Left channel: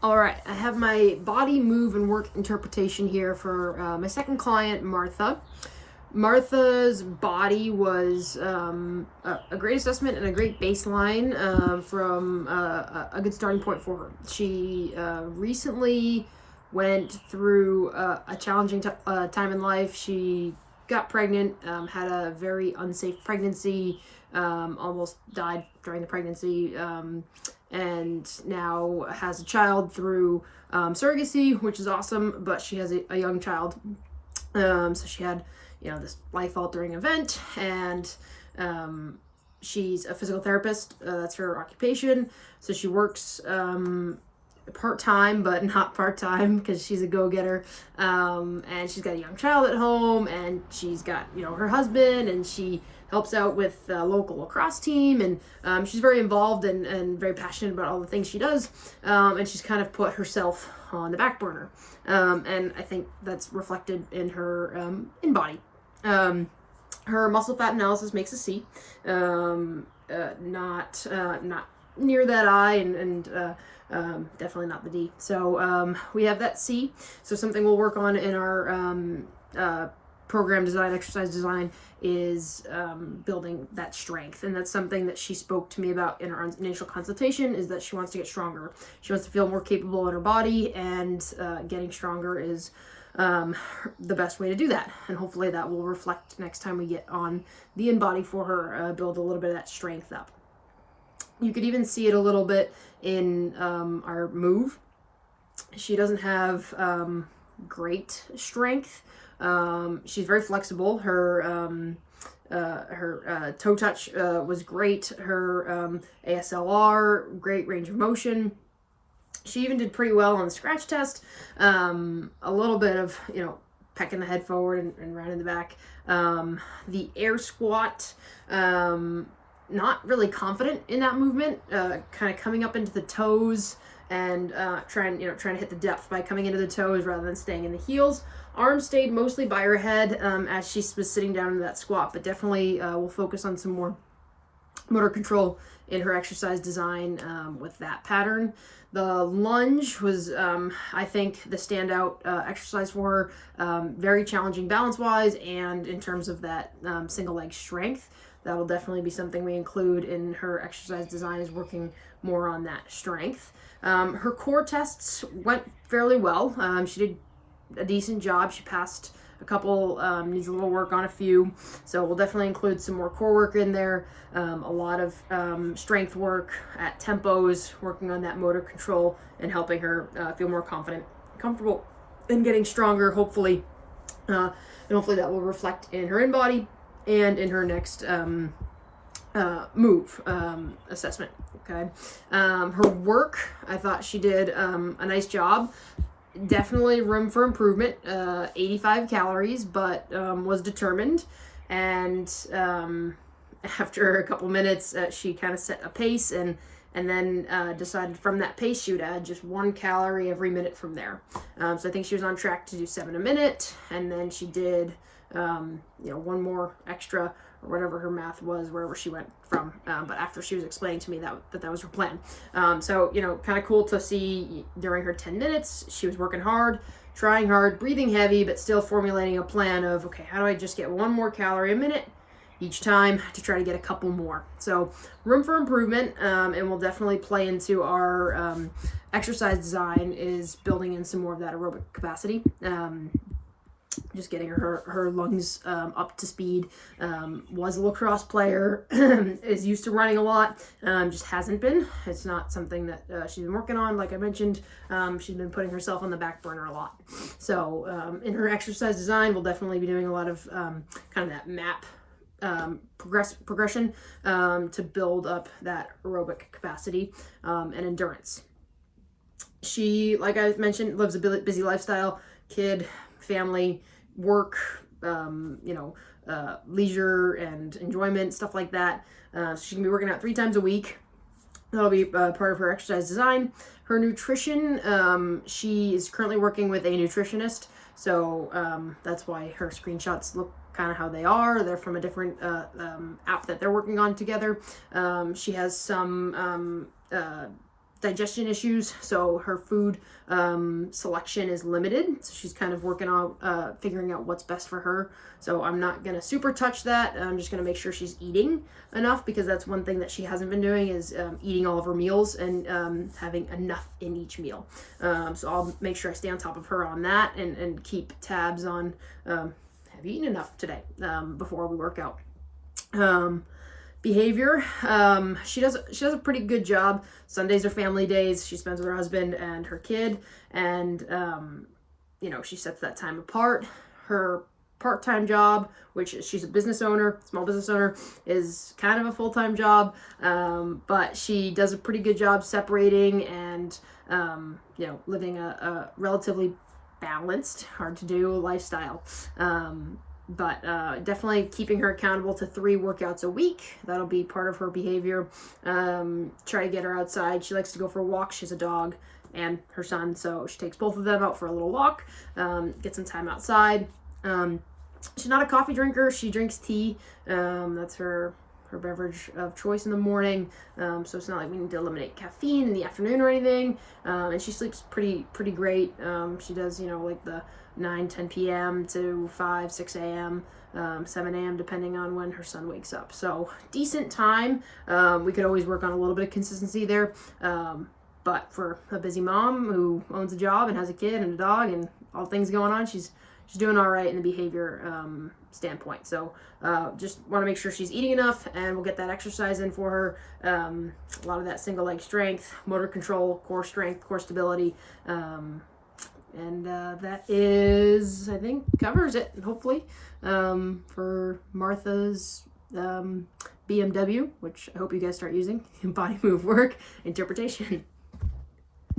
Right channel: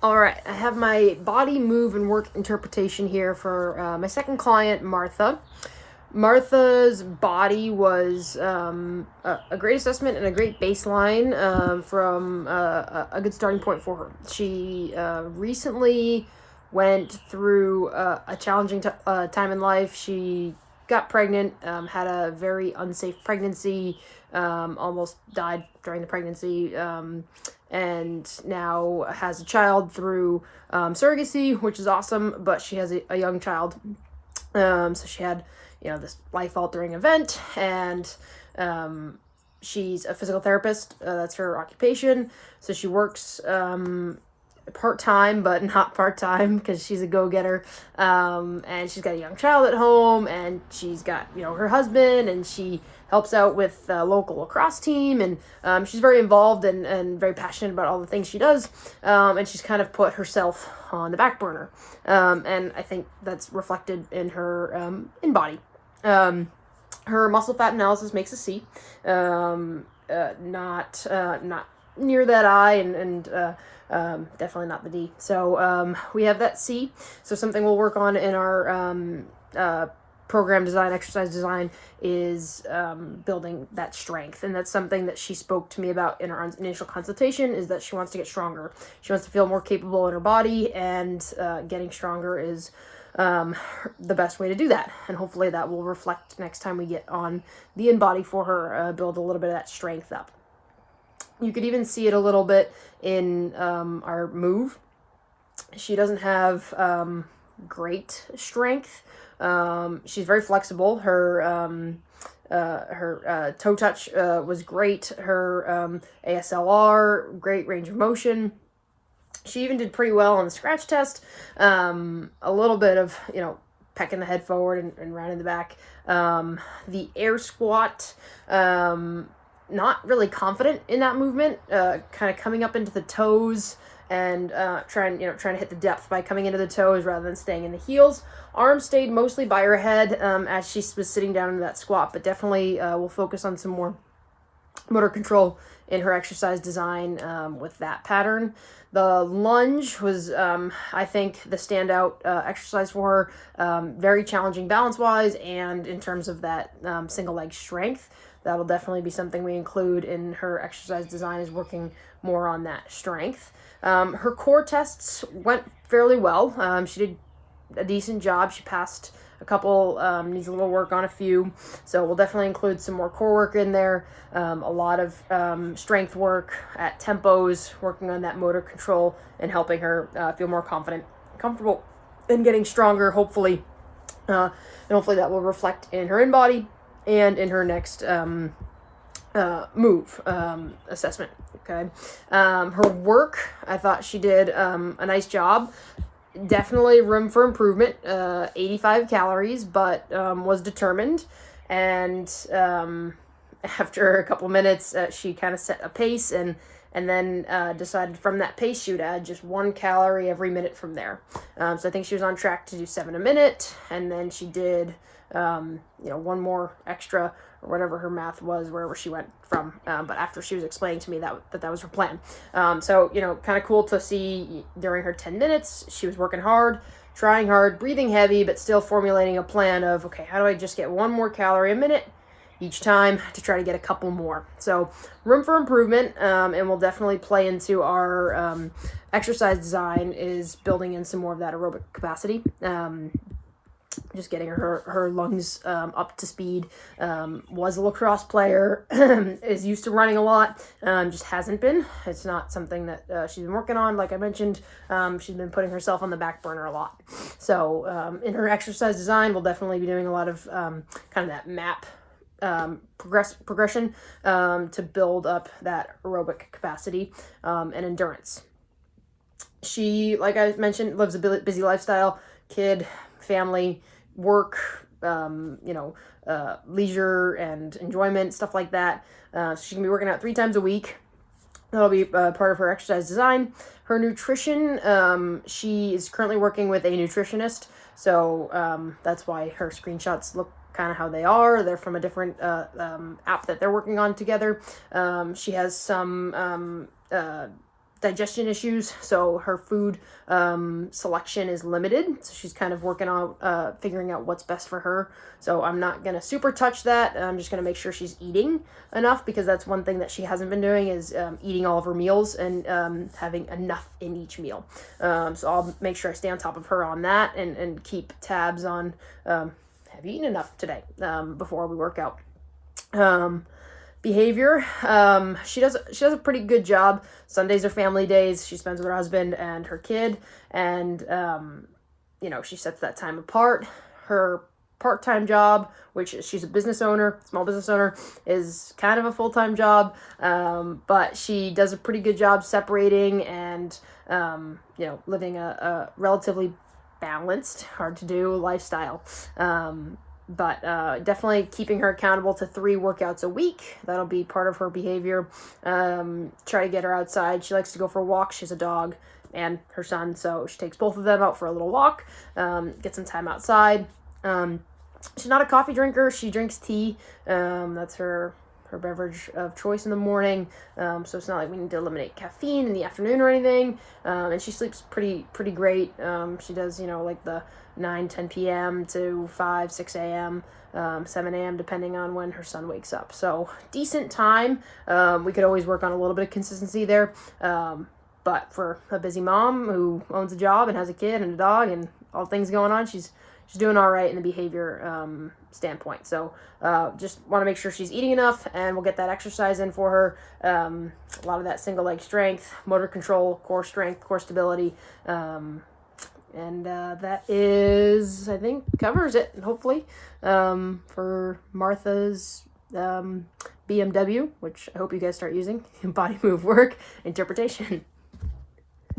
All right, I have my body, move, and work interpretation here for my second client, Martha. Martha's body was a great assessment and a great baseline from a good starting point for her. She recently went through a challenging time in life. She got pregnant, had a very unsafe pregnancy, almost died during the pregnancy, and now has a child through surrogacy, which is awesome, but she has a young child. So she had, this life-altering event, and she's a physical therapist. That's her occupation. So she works part-time, but not part-time, because she's a go-getter. And she's got a young child at home, and she's got, her husband, and she helps out with the local lacrosse team, and she's very involved and very passionate about all the things she does, and she's kind of put herself on the back burner, and I think that's reflected in her in-body. Her muscle fat analysis makes a C, not near that I, and definitely not the D. So we have that C. So something we'll work on in our program design, exercise design, is building that strength. And that's something that she spoke to me about in our initial consultation, is that she wants to get stronger. She wants to feel more capable in her body, and getting stronger is the best way to do that. And hopefully that will reflect next time we get on the in-body for her, build a little bit of that strength up. You could even see it a little bit in our move. She doesn't have great strength. She's very flexible. Her toe touch was great. Her ASLR, great range of motion. She even did pretty well on the scratch test. A little bit of, pecking the head forward and rounding the back. The air squat, not really confident in that movement, kind of coming up into the toes and trying to hit the depth by coming into the toes rather than staying in the heels. Arms stayed mostly by her head as she was sitting down in that squat, but definitely we'll focus on some more motor control in her exercise design with that pattern. The lunge was, I think, the standout exercise for her. Very challenging balance-wise, and in terms of that single leg strength. That will definitely be something we include in her exercise design, is working more on that strength. Her core tests went fairly well. She did a decent job. She passed a couple, needs a little work on a few. So we'll definitely include some more core work in there. A lot of strength work at tempos, working on that motor control and helping her feel more confident, comfortable, and getting stronger, hopefully. And hopefully that will reflect in her in-body and in her next move assessment. Okay. Her work, I thought she did a nice job. Definitely room for improvement. 85 calories, but was determined. And after a couple minutes, she kind of set a pace and then decided from that pace she would add just 1 calorie every minute from there. So I think she was on track to do 7 a minute, and then she did one more extra, or whatever her math was, wherever she went from. But after she was explaining to me that was her plan. So, kind of cool to see during her 10 minutes, she was working hard, trying hard, breathing heavy, but still formulating a plan of, okay, how do I just get 1 more calorie a minute each time to try to get a couple more? So room for improvement, and we'll definitely play into our exercise design, is building in some more of that aerobic capacity. Just getting her lungs up to speed. Was a lacrosse player, is used to running a lot, just hasn't been. It's not something that she's been working on. Like I mentioned, she's been putting herself on the back burner a lot. So in her exercise design, we'll definitely be doing a lot of kind of that map progression to build up that aerobic capacity and endurance. She, like I mentioned, lives a busy lifestyle, kid, family, work, leisure and enjoyment, stuff like that. So she can be working out 3 times a week. That'll be part of her exercise design. Her nutrition, she is currently working with a nutritionist, so that's why her screenshots look kind of how they are. They're from a different app that they're working on together. She has some digestion issues, so her food selection is limited. So she's kind of working on figuring out what's best for her. So I'm not gonna super touch that. I'm just gonna make sure she's eating enough, because that's one thing that she hasn't been doing, is eating all of her meals and having enough in each meal. So I'll make sure I stay on top of her on that, and keep tabs on have you eaten enough today before we work out. Behavior, she does a pretty good job. Sundays are family days. She spends with her husband and her kid, and you know, she sets that time apart. Her part-time job, which she's a business owner, small business owner, is kind of a full-time job, but she does a pretty good job separating and you know, living a relatively balanced, hard to do lifestyle. But definitely keeping her accountable to 3 workouts a week. That'll be part of her behavior. Try to get her outside. She likes to go for walks. She has a dog and her son, so she takes both of them out for a little walk, get some time outside. She's not a coffee drinker. She drinks tea. That's her beverage of choice in the morning. So it's not like we need to eliminate caffeine in the afternoon or anything. And she sleeps pretty great. She does, you know, like the 9-10 p.m. to 5-6 a.m., 7 a.m., depending on when her son wakes up. So decent time. We could always work on a little bit of consistency there. But for a busy mom who owns a job and has a kid and a dog and all things going on, she's doing all right in the behavior standpoint. So just want to make sure she's eating enough, and we'll get that exercise in for her. A lot of that single leg strength, motor control, core strength, core stability. And that is, I think, covers it, hopefully, for Martha's BMW, which I hope you guys start using, body move work interpretation.